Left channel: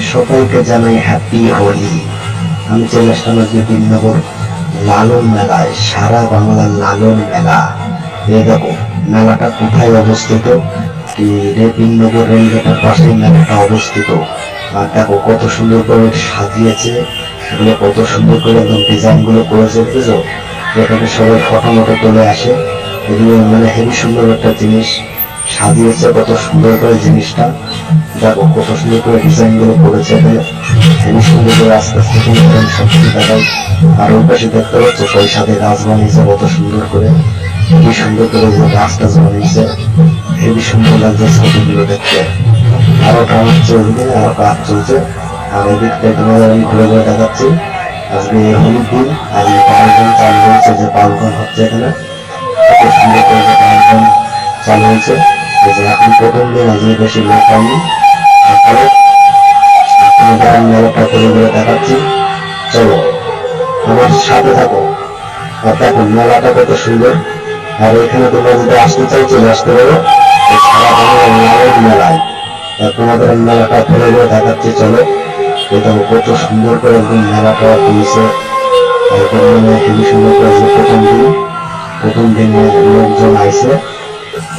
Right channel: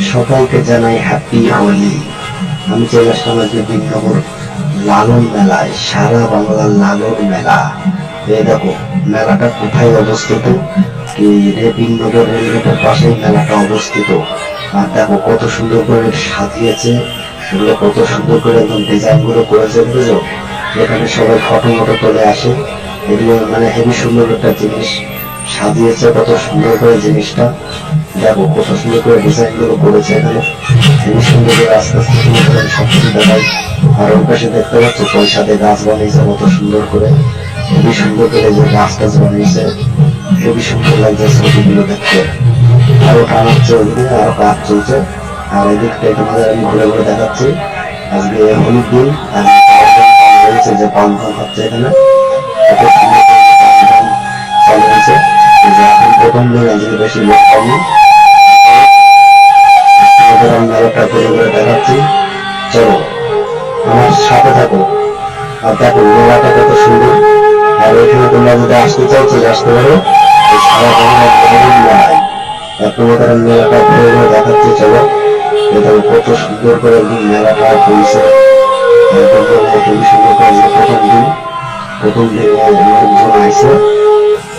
সকলকে জানাই হ্যাপি হোলি আমি চলে আসলাম আজকে দিননগর লালন মেলায়, সারা বাংলার লালন মেলা। এই দেখো, মেলাটা কোথায় অবস্থিত? রেপিনগর রেলগেটের পাশে মেলাটা অবস্থিত। আর দেখো, কত সুন্দর করে সাজিয়েছে। এগুলো কত সুন্দর করে একদম ডিজাইনগুলো করেছে, বুঝেছ? এখানে সবাই ফটো মটো তুলে আসে। এগুলো মানে হেবি সুন্দর একটা জিনিস। সাজিয়েছে কত সুন্দর করে জিনিসটা। দেখো কত সুন্দর করে ডিজাইনগুলো করেছে এখানে হেবি সুন্দর করে আস্তে আস্তে সব দেখায় আর ওর পাশে দেখতে পাচ্ছ পয়সাতে গাছ বানিয়েছে, কত সুন্দর করে। খুবই সুন্দর করে যে গাছ টাছ বানিয়েছে। হেবি সুন্দর লাগছে ছবিগুলো দেখতে। আরও কাজ চলছে আর কাজ চলছে। আর এদিকটা এখানে আমি ঘুরে ঘুরে দেখাচ্ছি। আজকে হলুদ দিন আর পালন চাল হয়েছে যে পালন হচ্ছে এখানে। কত সুন্দর করে পালন চালু হয়েছে। যে এখন প্রথম দিন আজকে বেশি লোক পাইনি আপনাদের আমি করে দেখাচ্ছি চলো আমার সাথে থাকো আর দেখো মেলাটা কত সুন্দর আর এখানে তোমরা যদি আসতে চলে আসতে পারো সারা মেলায় তোমাদের মেলাটা ঘুরে ঘুরে দেখাচ্ছি চলো এটা কত সুন্দর করে মেলাটা হয়েছে একদম সুন্দর করে প্রথম দিন প্রথম দিনে লোকজন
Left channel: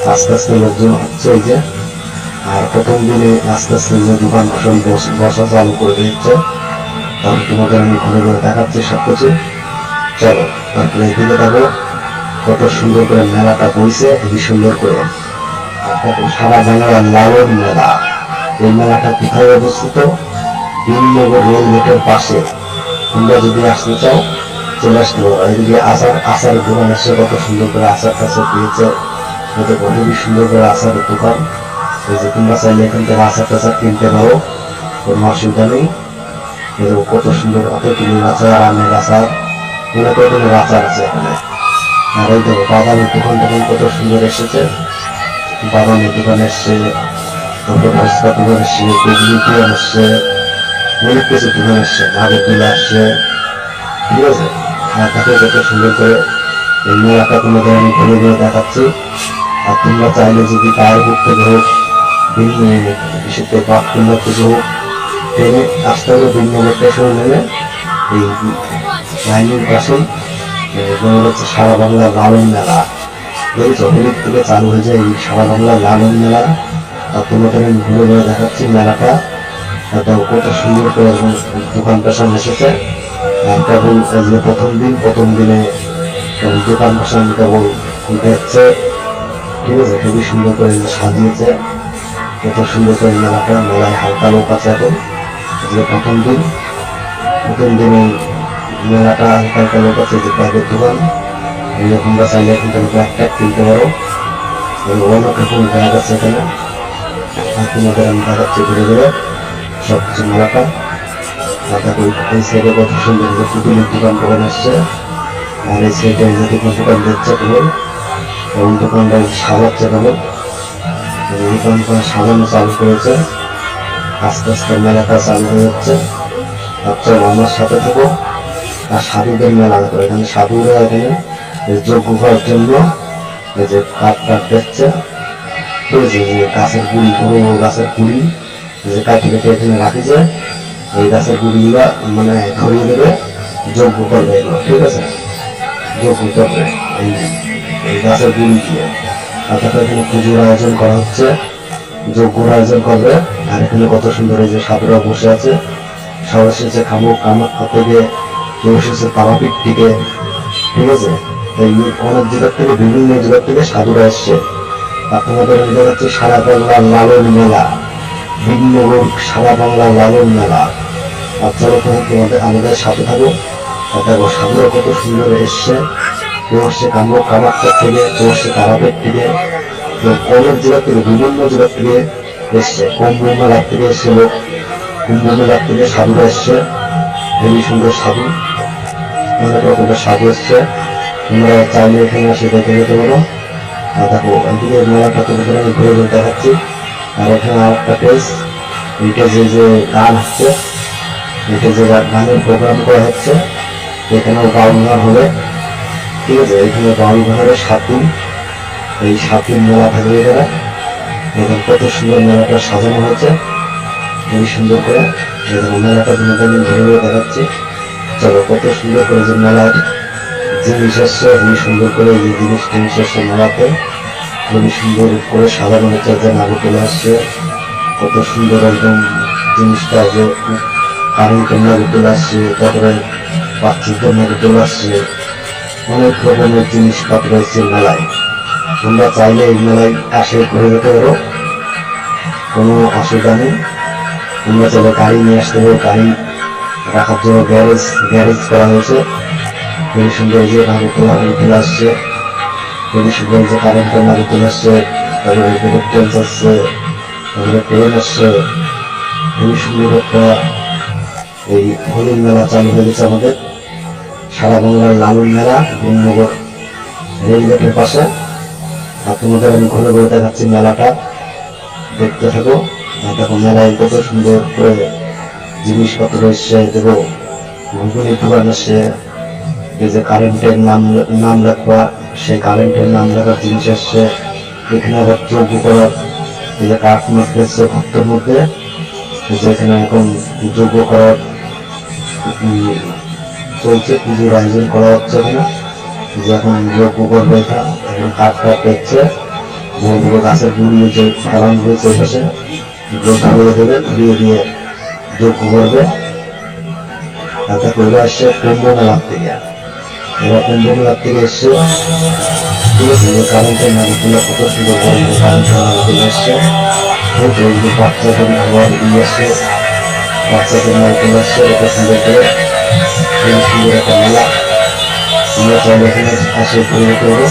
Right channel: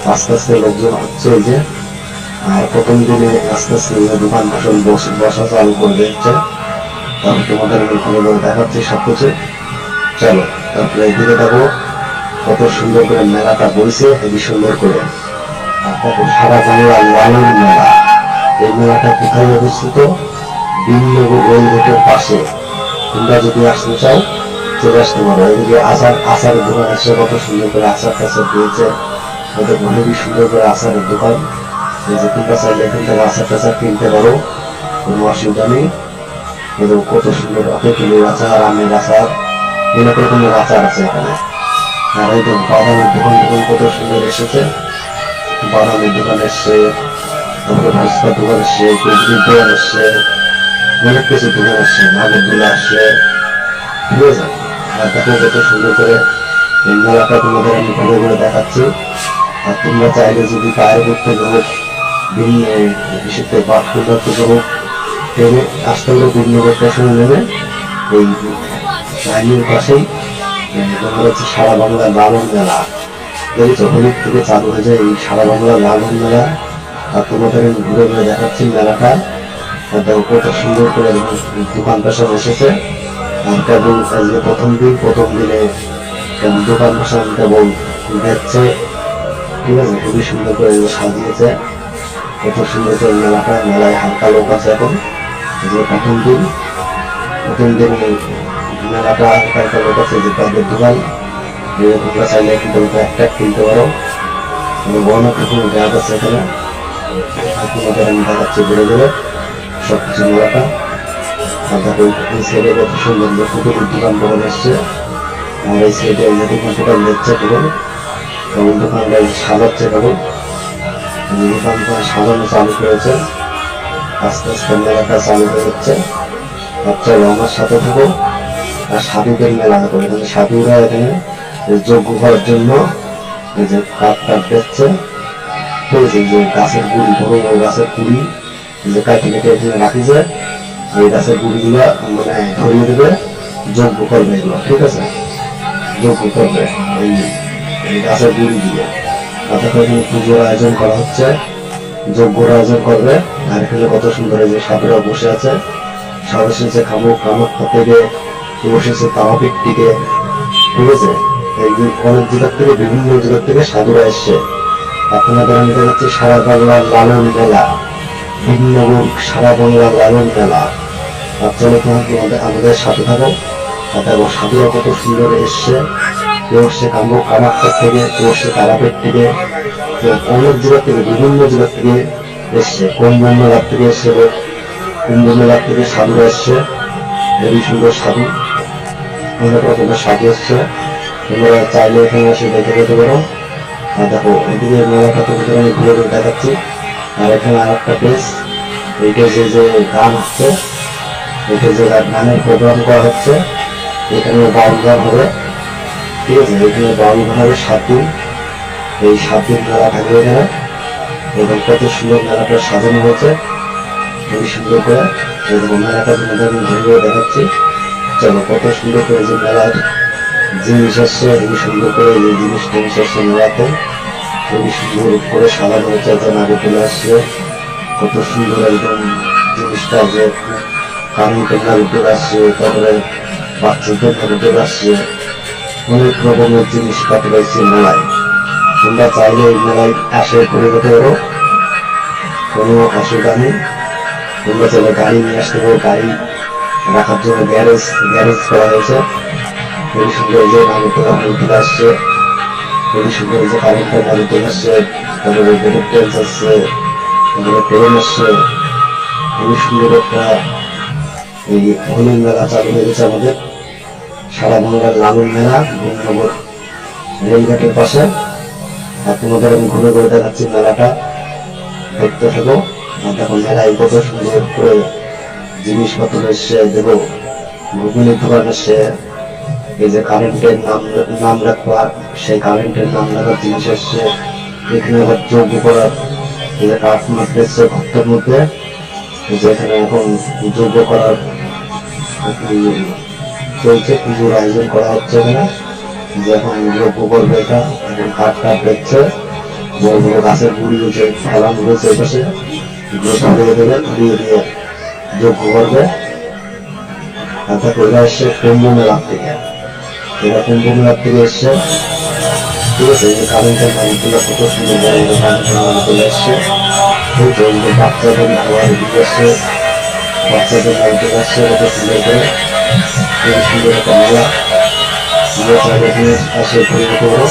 আস্তে আস্তে লোকজন যে আর প্রথম দিনে আস্তে আস্তে যে দোকান বস- চালু করে দিচ্ছে তারপর তোমাদের আমি ঘুরে ঘুরে দেখাচ্ছি সব কিছু চলো, তারপরে এদিকে দেখো কত সুন্দর করে মেলাটা বইছে হেবি সুন্দর করে। সারা বাংলার লালের মেলা। এই মেলাটা কোথায় অবস্থিত? রেল গেটের পাশে। তোমরা যদি আসতে চাও, চলে আসতে পারো। এদিকে আচার আচার দোকান এসে কত সুন্দর করে আচার টাচার দিয়েছে কত খুবই সুন্দর করে আচারের দোকান। এই যে তোমরা চাইলে এখান থেকে আচার টাচার কিনতে পারো। কোনো অসুবিধা নেই। এরকম কত সুন্দর কত কিলোর আচার আমের আচার বিভিন্ন রকমের আচার আছে এখানে। আর এই দেখো বাদামের দোকান দোকান কত সুন্দর এসেছে। বাদামের দোকান এসছে তারপর ভাস্কর দোকান এসছে কুজলি দোকান এসছে অনেক কিছু দোকান এসছে ভাগের দোলা আসছে ঠিক আছে? আর তাকে কত সুন্দর করে এই আমি দেখাচ্ছি। আর তোমরা চাইলে যদি গায়ে ঘুরতে হোক বিশেষ করে বাথরুম হোক ট্রেনে আসতে হবে বিনগর স্টেশনে নেমে এই লাইনের পাশেই সারা বাংলার লালন মেলা। দেখেছ হলুদ থেকে চালু হয়েছে এই সারা বাংলার লালন মেলা। আর তোমাদের আমি ঘুরে ঘুরে দেখাচ্ছি মেলাটা। দেখো কত সুন্দর করে দোকান পেশান এসেছে। আর কেবল যে প্রথম দিন, প্রথম দিনে কেমন দোকান পেশান কেবল দেখছে। ঠিক আছে, খুবই সুন্দর করে সাজিয়েছে। কত সুন্দর করে মেলাটা, মেলায় হালকা লোক আছে যে প্রথম দিন। মেলাটা হালকা হালকা লোক আছে যে দোকান চাইলে কিন্তু পারো। অনেক রকম ব্যাগ আছে এখানে সব কিছু মেলাটা। সুন্দর পুতুলের দোকান দোকান আর এই সাইডে দোকান টোকান দিচ্ছে সাজাচ্ছে কেবল দোকানটা সাজানো চালু করেছে। আস্তে আস্তে মেলাটা চালু যাচ্ছে আর আমার সাথে থাকো আর সাধুদের মেলা দেখো এখানে সাধুরা এখানে যজ্ঞ করার জন্য এই যে কাঠ কাঠ দিচ্ছে ঠিক আছে যে গাছের গুড়ি বড় গাছের গুড়ি যে কাঠি কেটে এখানে রাখি যায় এই গাছের গুড়িগুলো মানে ধরিয়ে দেবে যজ্ঞ করবে এগুলো ঠিক আছে? যজ্ঞ করবে এই এই গাছের গুড়ি দিয়ে তারপরে এখানে পুজোর আয়োজন করা হচ্ছে যজ্ঞর আয়োজন করবে, আর এখানে কত সুন্দর এই যে সাধুরা বসে আছে। সব এসেছে খামুক কামাখ্যা থেকে কেউ এসেছে তারাপীঠ থেকে ঠিক আছে? এই অনেক জেলার থেকে, বিভিন্ন জেলার থেকে সাধুরা এসছে। আপনাদের আমি দেখাচ্ছি সারা বাংলার লালন মেলা, ভিন্ন সারা বাংলার লালন মেলা। চলো তোমার তোমাদের আমাদের সাথে থাকো। দেখো সাধুরা কত সুন্দর এসছে। কেউ এসছে কামরূপ কামাখ্যা থেকে কেউ এসছে তারাপীঠ থেকে অনেক জেলা থেকে, বিভিন্ন জেলা থেকে এসছে। কুম্ভ মেলার থেকে এসছে লোক। কুম্ভ মেলার থেকে সাধুরা এসছে। হেবি সুন্দর সাধু। অনেক রকমের সাধু এসছে। তোমরা চাইলে এখানে এসে দেখে নিতে পারো। আর দেখো এদিকে মেলাটা তোমাদের আমি ঘুরে ঘুরে দেখাচ্ছি। আর এখানে আর একটা পেজ এইটা যে যে গান হচ্ছে এইটা যে গানের প্রোগ্রাম করা হচ্ছে। এখানে বাউল গান হবে। ঠিক আছে এখানে বাউল গান হবে এই সাত মেলা থাকবে এখানে এবং কত সুন্দর মেলাটা সাজানো হয়েছে। খুবই সুন্দর করে এই মেলাটা আমি ঘুরে ঘুরে দেখাচ্ছি। চলো, কত সুন্দর করে যে মেলার জিনিস আসছে খুবই সুন্দর করে এই জিনিস টিনিস আসছে মেলাতে খুবই সুন্দর করে সাধারণ চাইতে নাড়ি চলে আসছে। কত সুন্দর একদম জিনিসটা যে কারেন্টের নাড়ি চলে আসছে, তারপরে বাচ্চাদের নাড়ি চলে আসছে। অনেক রকমের জিনিসপত্র রয়েছে মেলায়। তোমরা চাইলে এই মেলায় আসে ঘুরে যেতে পারো। কোনো অসুবিধা নেই। তোমরা চাইলে গাড়ি নিয়ে আসতে পারো। গাড়ি রাখার জন্য গ্যারেজ গ্যারেজ করা হয়েছে। খুবই সুন্দর যে নাড়ি তোলা তোলা আসছে। খুবই সুন্দর যে কারেন্টের নাড়ি তোলা আসছে। তারপরে ট্রেন আসছে, তারপরে ট্রেন আসছে। খুবই সুন্দর একটা এই হলুদ মেলা চালু হয়ে গেছে আমাদের। সারা বাংলার লালন মেলা গুমনগর রেলগেটের পাশে। আর তোমাদের আমি ঘুরে ঘুরে দেখাচ্ছি মেলাটা। দেখতে থাকো। দেখো মেলায় কত সুন্দর করে জিনিসপত্র এসছে দেখো। ঘুগুনি দোকান এসছে এই যে কারেন্টের নাম নাম লেখা, সেই কারেন্টের নাম লেখা জিনিস এসছে এখানে যোগ্য করার এই যে কাঠ এসছে ভক্তের মধ্যে। এই যে এখানে এখন যোগ্য করার চলছে, পুজোর আয়োজন করা হচ্ছে এখানে। যে এখন যোগ্য করবে এটা এখন কাঠটা পেচ্ছে বড় গাছের গুড়ি যে ফেলানগুলো চলতেছে। ধুয়ে দিয়ে যোগ্য করবে। কুম্ভ মেলার থেকে। থেকে এসছে কত সুন্দর দিয়ে আসছে। বাচ্চাদের চলে আসছে কত সুন্দর করে একটা মেলা আমরা চাইলে এখানে আসে ঘুরে করব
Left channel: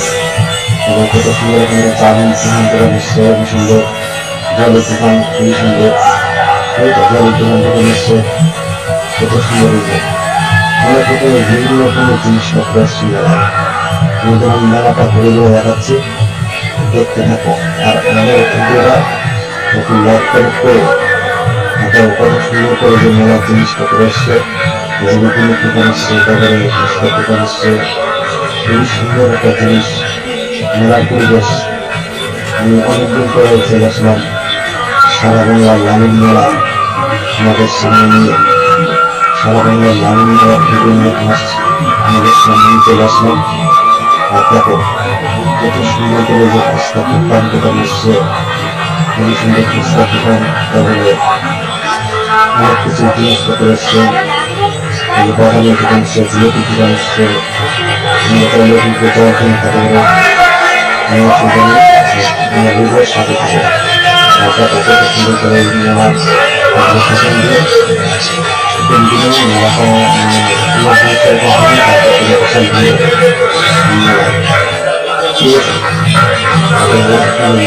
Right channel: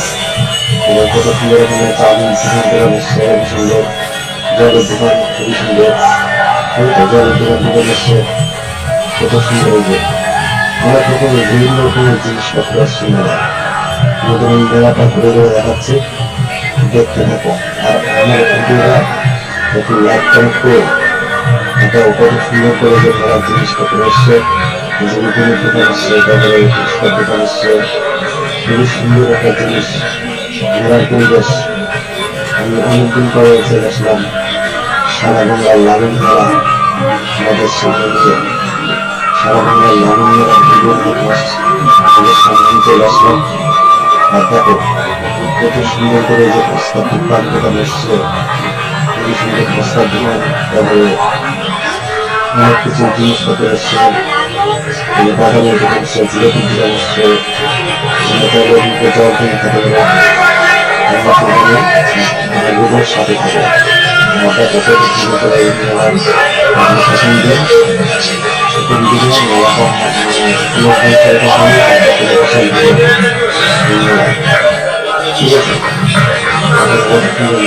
এবং কত সুন্দর এখানে চাবি দোকান করা খুবই সুন্দর জলের দোকান খুবই সুন্দর ঠিক আছে জলের দোকান দোকান এসছে কত সুন্দর যে অনেক রকমের বিভিন্ন রকমের জিনিসপত্র আসছে মেলায় কিন্তু মেলাটা ঘুরে ঘুরে দেখাচ্ছি দেখতে থাকো আর আমার ভিডিওটা একটু লাইক করে এটা কত সুন্দর করে যে মেলার জিনিসপত্র এসছে জিনিসের দোকান এসছে তারপরে ফুচকার দোকান এসছে খুবই সুন্দর একটা জিনিস মেলার পরিবেশ। আমি অনেকদিন পরে চলে আসলাম, সারা বাংলার লালন মেলা আমাদের সামনে নিয়ে। সারা বাংলার লালন মেলা বিভিন্ন আমাদের সামনে চলে আসলাম। আর দেখো, কত সুন্দর করে যে ফুচকা দোকান দোকান এসছে খুবই সুন্দর ফুচকার দোকান, তারপরে অনেক কিছু জিনিসপত্র এসছে এই বাগানের দোকান এসছে জিলেপির দোকান এসছে কিন্তু জল কিনে খেতে হবে আমার সঙ্গে আমার রুবের সাথে থাকে ওটা কত সুন্দর করে এই মেলার শাসন দিয়ে দিকে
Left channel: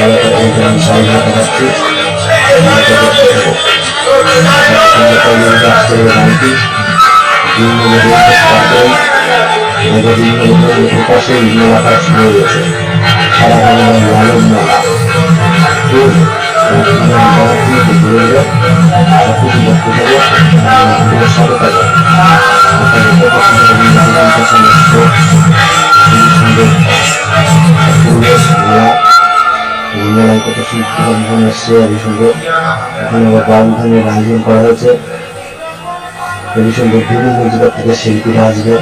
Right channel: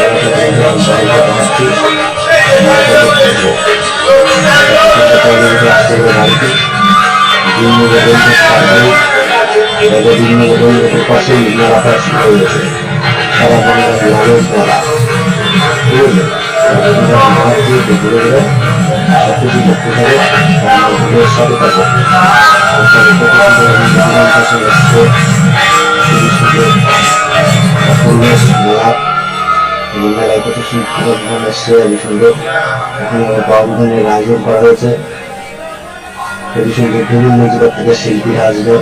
মেলাটা পুরো পঞ্চায়েত পাশে মেলাটা শুরু হয়েছে লালন মেলা সাথে মেলায় কত সুন্দর এসছে সুন্দর এখানে আমার বাউন্ডারির আয়োজন করা শিল্পীরা আসবে